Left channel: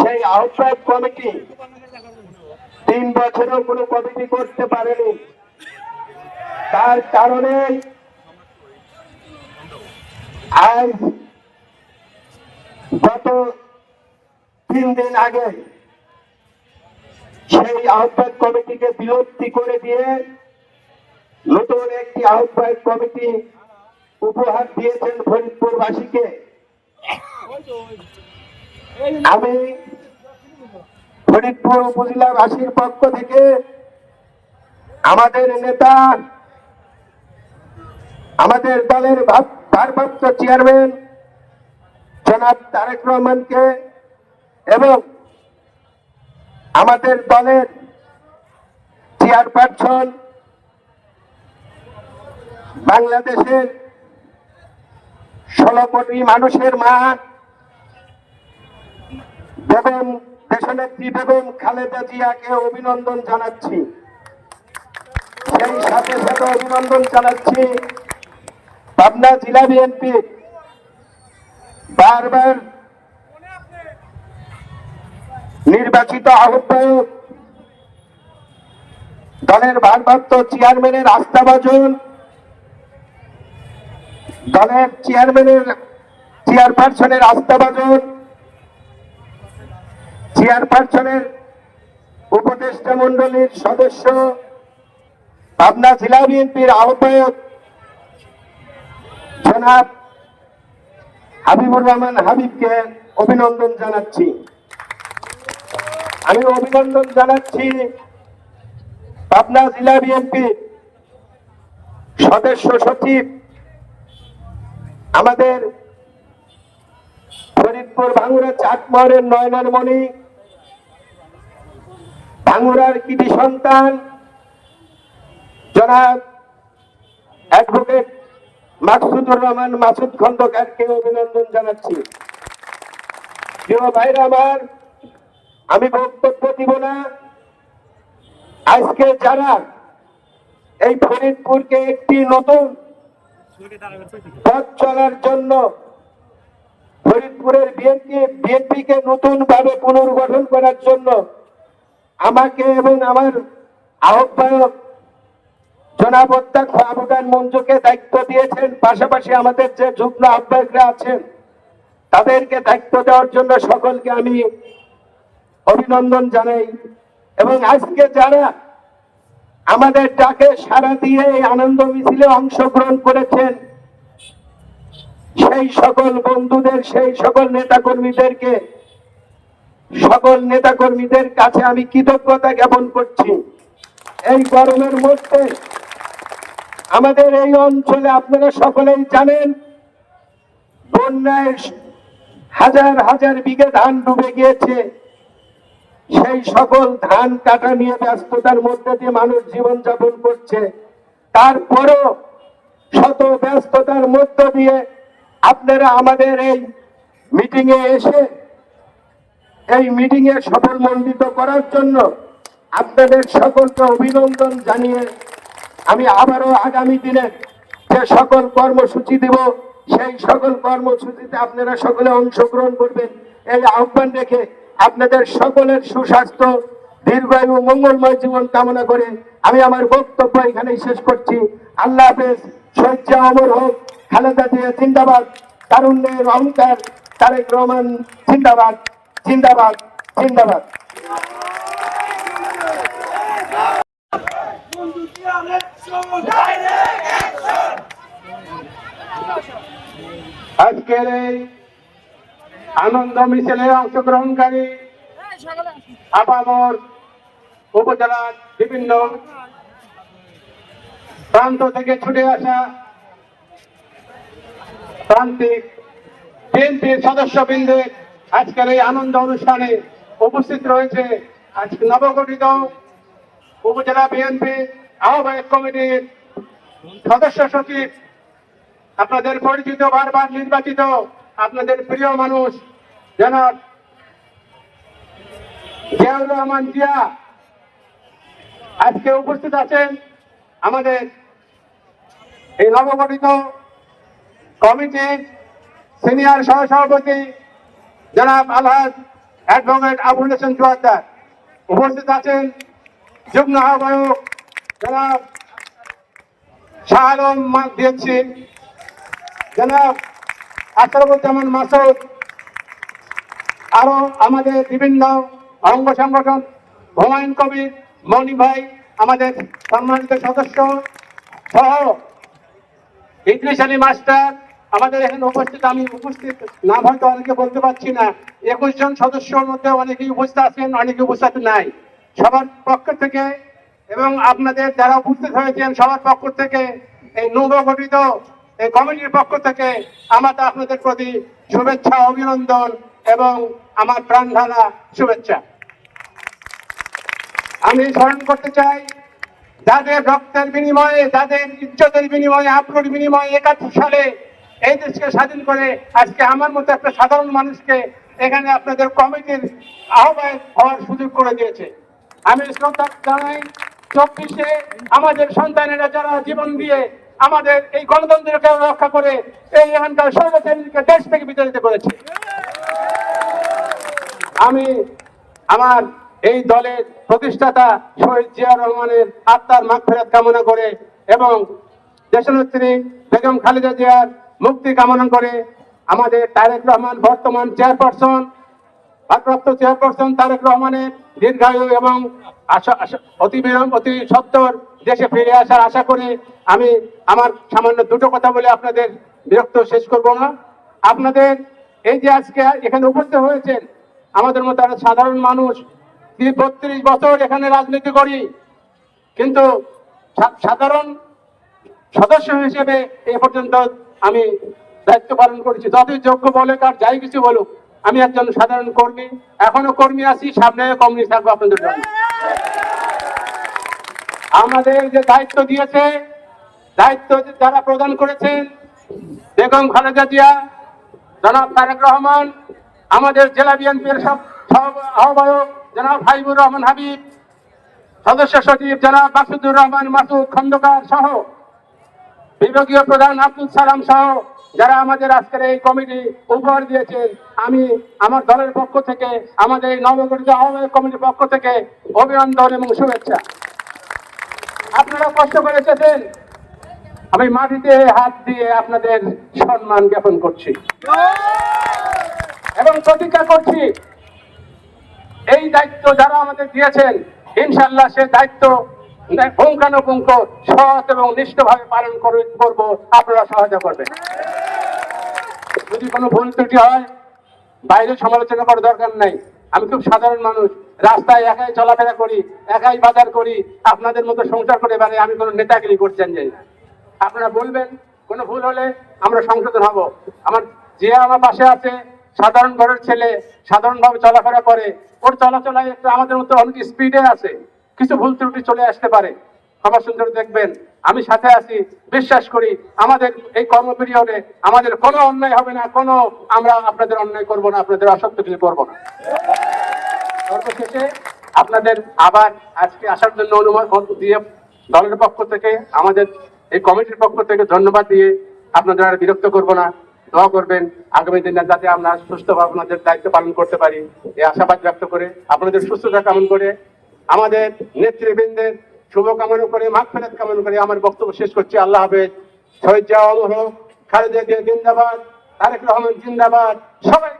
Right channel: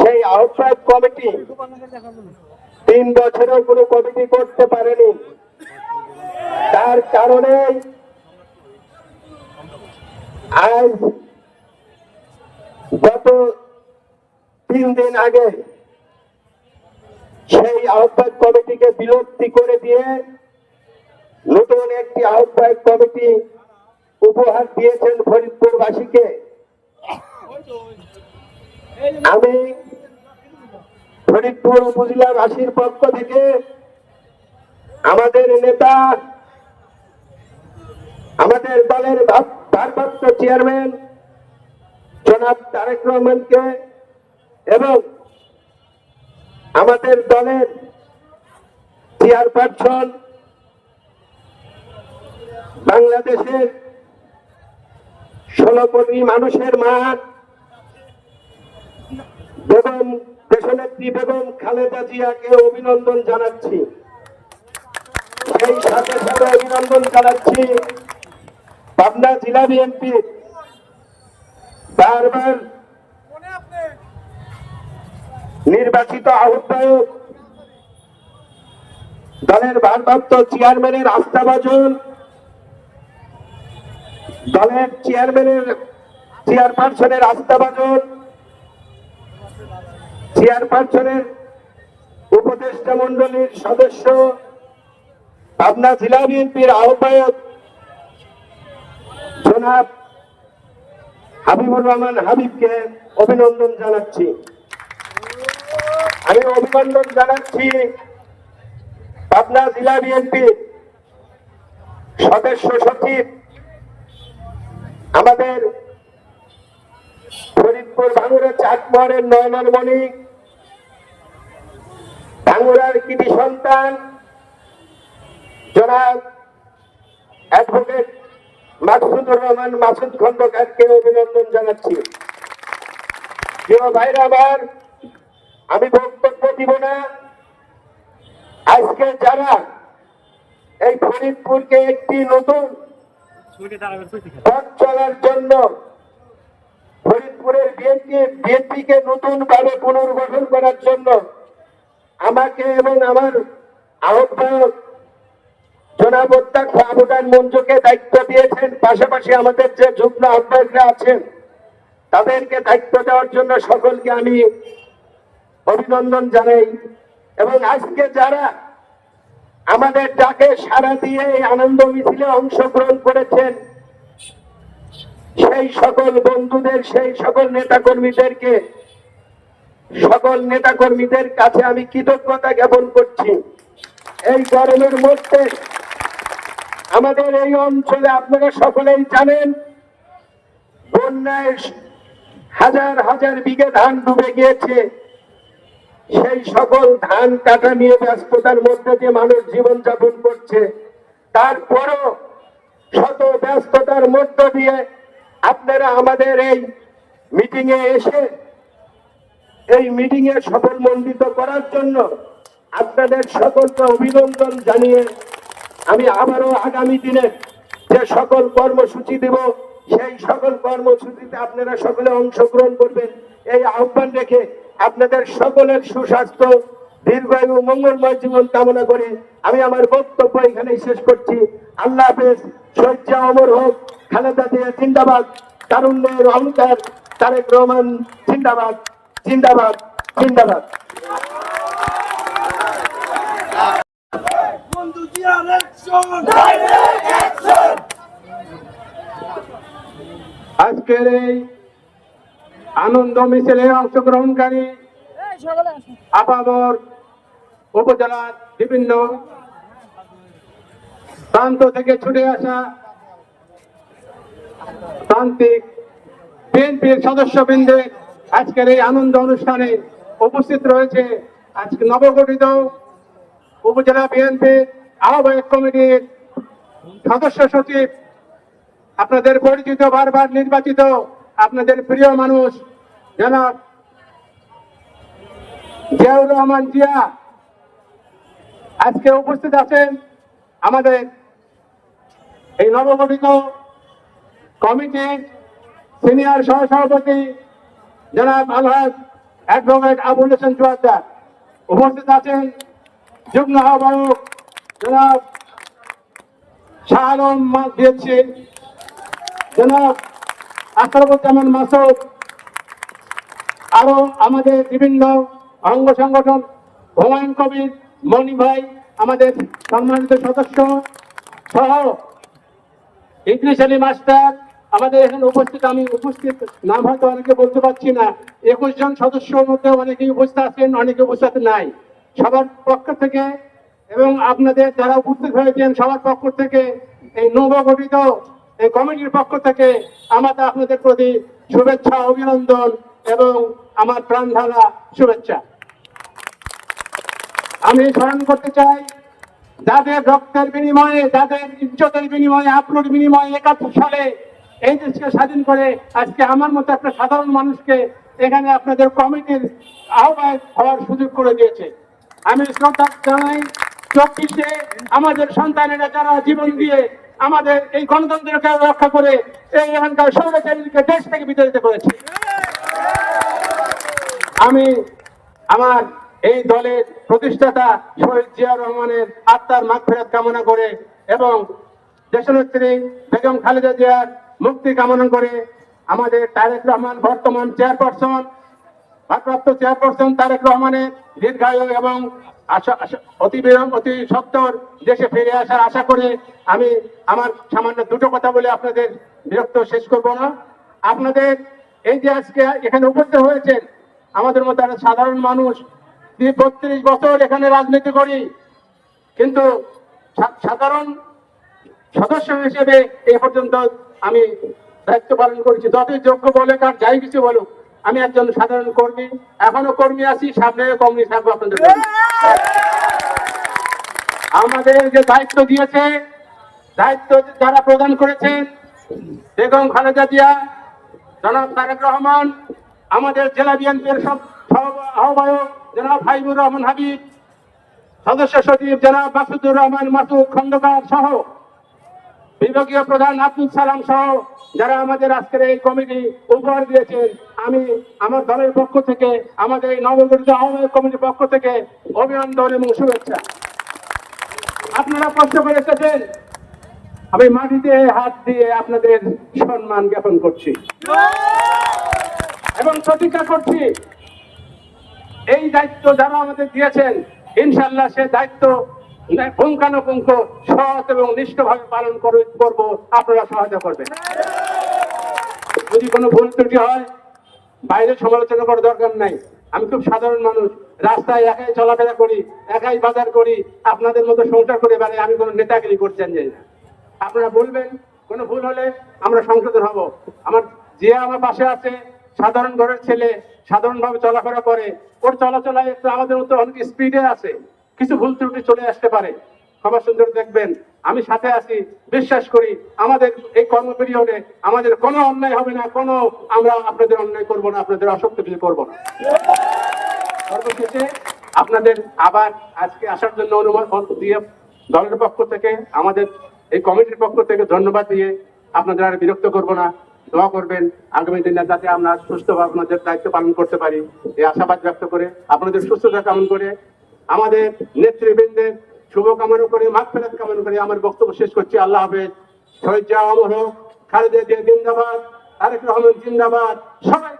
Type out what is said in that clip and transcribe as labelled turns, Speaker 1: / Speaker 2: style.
Speaker 1: সেই আহ্বায়ক কমিটি তিন বছরেও কোনো কমিটি করতে পারেনি। তার কারণে আজ গত তিন দিন আগে সেই আহ্বায়ক কমিটিকে বিলুপ্তি করে দিয়ে নতুন একটি আহ্বায়ক কমিটি উপহার দিয়েছেন ফরিদপুরবাসীকে। আমি ফরিদপুর উপজেলাবাসীর পক্ষ থেকে আমাদের নেতা, আমাদের দলের ভারপ্রাপ্ত চেয়ারম্যান জনাব তারেক রহমানকে এবং আমাদের দলের চেয়ারপারসন বাংলাদেশের ষোলো কোটি মানুষের মাঠ বেগম দেশনেত্রী বেগম খালেদা জিয়াকে অভিনন্দন জানাচ্ছি। সেই সাথে সাথে অভিনন্দন জানাচ্ছি পাবনা জেলা বিএনপি বারবার নির্বাচিত আহ্বায়ক দলের ভারপ্রাপ্ত চেয়ারম্যানের আস্থাভাজন, দলের চেয়ারম্যানের চেয়ারপারসনের আস্থাভাজন চেয়ারপারসনের উপদেষ্টা মন্ডলীর সদস্য, পাবনা জেলা বিএনপির আহ্বায়ক জনাব হাবিবুর রহমান হাবিবকে অভিনন্দন জানাচ্ছি। আমি অভিনন্দন জানাচ্ছি পাবনা জেলা বিএনপি সদস্য সচিব, আমাদের ফরিদপুর ভাঙুরা চাকমারের নয়নার মণি ভাঙুরার কৃতি সন্তান, জনাব অ্যাডভোকেট মাকসুদুর রহমান মাসুদ খন্দকারকে অভিনন্দন জানাচ্ছি। প্রিয় ভাইরা আমার, আমি বক্তব্য দিব না। আজকে যারা এই ফরিদপুরকে একটি নতুন পথ চলার জন্য ফরিদপুরের বিএনপি, বিএনপিকে নতুন ভাবে পুনর্গঠন করার জন্য আমাকে এবং আমার আহ্বায়ক জনাব অধ্যক্ষ আবুদান মঞ্জুকে দায়িত্ব দিয়েছেন। পাশাপাশি আমাদের যে যুগ্ম আহ্বায়করা আছেন, তাদেরকে দায়িত্ব দেওয়ার জন্য সকলকে আমি অভিনন্দন জানাই। এবং আজকে যারা আমাদের ডাকে সারা দিয়ে এই আনন্দ মিছিলে অংশগ্রহণ করেছেন, সেই সকল বন্ধুদের, সেই সকল নেতাকর্মীদেরকে সকল নেতাকর্মীদের কাছে আমি কৃতজ্ঞতা জ্ঞাপন করছি। এই গরমের মধ্যে আমাদের এই অঞ্চলে আপনারা সকলেই জানেন, বন্যায় হাজার হাজার বিঘে ধান ডুবে গিয়েছে। সেই সকল ধান কাটা নিয়ে ব্যস্ততার মধ্যে দিয়ে মানুষ জীবন যাপন করছে। তারপরও শত ব্যস্ততার মধ্য দিয়ে আপনারা আমাদের এই মিটিং এ এসে এই মিটিং এ সফল মণ্ডিত করার জন্য আপনাদের সকলকে অভিনন্দন জানিয়ে আমি আবারও আগামী দিনে যে সকল কর্মসূচি দিব, সেই সকল কর্মসূচিতে আপনারা সকলে অংশগ্রহণ করবেন। এই আহ্বান রেখে আপনাদের সকলের সুস্বাস্থ্য, দীর্ঘায়ু, মঙ্গলময় জীবন কামনা করে আমি আমার বক্তব্য এখানে শেষ করছি। আল্লাহ হাফেজ, শহীদ অমর হোক, খালেদা জিয়া জিন্দাবাদ, তারুণ্যের অহংকার তারেক রহমান জিন্দাবাদ। জিন্দাবাদ জিন্দাবাদ। আজকের এই আনন্দ মিছিলে অংশগ্রহণকারী আপামর উপজেলার বিভিন্ন প্রান্ত থেকে ছুটে আসা প্রান্তিক বিএনপির সদস্যবৃন্দের আজকের এই আনন্দ অনুষ্ঠানে উপস্থিত রয়েছে আজকে নবগঠিত উপজেলা বিএনপি আহ্বায়ক কমিটির সদস্য সচিব, আপনাদের পরিচিত বারবার নির্বাচিত আপনাদের প্রিয় মানুষ, জনাব জিয়াউর রহমান জিয়া। আজকে উপস্থিত আছেন আমাদের এই নবগঠিত কমিটির সিনিয়র সহসভাপতি জনাব আলহাজ
Speaker 2: অ্যাডভোকেট আবুল হোসেন চুয়াত্তার উপস্থিত আছেন যুগ্ম আহ্বায়ক জনাব শাহ আলম দিয়েছি। জনাব আশরাফুজ্জামান মাসুদ, আরও আমাদের বিভিন্ন অঙ্গ সংগঠন, হুমায়ুন কবির মনি ভাই, আমাদের সম্মানিত সদস্য সহ আলী মাস্টার আমাদের এখানে উপস্থিত, আমি উপস্থিত, নাম হয়তো অনেকে বলতে পারছি না। একুশ জন সদস্যর মধ্যে অনেকেই উপস্থিত আছেন, অনেকে উপস্থিত নাই। সবার পক্ষ থেকে এবং আপনাদের যারা উপস্থিত হয়েছেন, সবার পক্ষ থেকে এই নবগঠিত এই কমিটির পক্ষ থেকে আমার আপনাদের প্রতি শুভেচ্ছা, অভিনন্দন এবং আমার প্রাণ শুভেচ্ছা। আমি স্মরণ করতে চাই, যাদের রক্তের বিনিময়ে, যাদের ইজ্জতের বিনিময়ে আপলোড বিনিময়ে একাত্তর সালে এই দেশকে স্বাধীন করে আজকে আমার মতো একটা সাধারণ মানুষকে এখানে আপনাদের কমিটির আহ্বায়ক হওয়ার সুযোগ করে দিয়েছে। আমি সন্তান জানাই, চব্বিশে আমাদের সন্তানেরা যারা জীবন দিয়ে আমাদের এই গণতন্ত্রকে রক্ষা করে এই এখানকার স্বৈরাচারীকে দেশ থেকে বিতাড়িত করেছে আমি আমার এই দলের প্রতিষ্ঠাতা শহীদ জিয়া রহমানের আত্মার মাগফিরাত কামনা করে এবং দেশনেত্রী বেগম খালেদা জিয়ার মুক্তি কামনা করে আমাদের তারেক রহমান বর্তমান চেয়ারপারসন, ভারপ্রাপ্ত চেয়ারপারসন তারেক রহমানের দীর্ঘায়ু এবং অতি বিলম্ব অতি সত্তর দেশে ফিরে আসার আশা করে আমি আমার সামান্য দুটো কথা বলে আপনাদের বিরক্ত শেষ করব না। আপনাদের এই যে আজকে এখানে উপস্থিত হয়েছেন, আমাদের মতো একটা সাধারণ মানুষ বত্রিশ বছর এখানে রাজনীতি করি, কিন্তু সাধারণ সদস্য হিসেবে এ পর্যন্ত আমি দায়িত্ব পালন করেছি। যতই যোগ্য বলে কার যাই কিছু বলুক, আমি একজন সাধারণ কর্মী। এখনও কর্মী আছি, সামনে কর্মী থাকব আপনাদের আমাদের যে দায়িত্ব দিয়েছে, দায়িত্ব যারা প্রদান করেছেন, বেগম খালেদা জিয়া, জনাব তারেক রহমান, আমাদের জেলা বিএনপির সব আহ্বায়ক জনাব হাইবুর রহমান হাবিব, সদস্য সচিব জনাব মাসুদুর রহমান মাসুদ খন্দকার সহ বিভাগীয় প্রধান আব্দুল সালাম সহ যারা আমাদের আজকের এই কমিটি উপহার দিয়েছেন, আমি আমার দলের পক্ষ থেকে, আমাদের এই নবগঠিত আহ্বায়ক কমিটির পক্ষ থেকে অভিনন্দন এবং শুভেচ্ছা। আপনারা কষ্ট করে এসেছেন। আমি মাটিতে হাত দিয়ে আপনাদের সম্মান জ্ঞাপন করছি। এবং প্রতিজ্ঞা করছি, এই দায়িত্ব যারা আমাদের দিয়েছেন ইনশাল্লাহ সে দায়িত্ব পুঙ্খানুপুঙ্খ সৎ এবং নিষ্ঠভাবে পালন করে- করব, আপনারা সহায়তা করবেন। যদি কোনো ভুল ত্রুটি হয়, বাইরে সমালোচনা করার দরকার নাই। আমি খুব সাধারণ মানুষ, রাস্তায় একাই চলাফেরা করি, একাই বাজার করি, আপনাদের মতো সংসার করে বেড়াই, আমি কোনো নেতাগিরি করছেন যাই না। আপনারা বলবেন, কোনো ভুল হলে আমরা সংশোধন হব। আমার যে আমার পাশে আছে, সাধারণ ঘরের ছেলে, সাধারণভাবে চলাফেরা করে, ওর চলাচলায় একটু আমাদের মতো অনেক স্পিডে আছে। কিছু ভুল ত্রুটি চলে আসতে পারে। ক্ষমা সুন্দর দেখবেন, আমি সাথে আছি, বিশ্বাস করি, আমাদের এই কর্ম পিরিয়ডে আমাদের কোনো অন্যায় হবে না, কোনো আমরা আপনাদের অন্যায় করব না, আপনাদের অসত্য কিছু করব না। সর্বশেষে আপনাদের আবার আজকে আসার জন্য অনুমোদন দিয়ে দলের পক্ষ থেকে, আমাদের এই কমিটির পক্ষ থেকে ধন্যবাদ দিয়ে আপনাদের আর বিরক্ত করব না। দোয়া করবেন, আগামী দিনে যাতে আমরা সুস্থভাবে আপনাদের দায়িত্ব পালন করতে পারি। এই আশাবাদ ব্যক্ত করে আপনাদের সুস্থতা কামনা করে আমাদের নেতৃবৃন্দের শুভকামনা করে মাঠ ফেরত কামনা করে আমার বক্তব্য শেষ করছি। আল্লাহ হাফেজ। শহীদ অমর খালেদা জিন্দাবাদ আরেক রহমান জিন্দাবাদ সবাই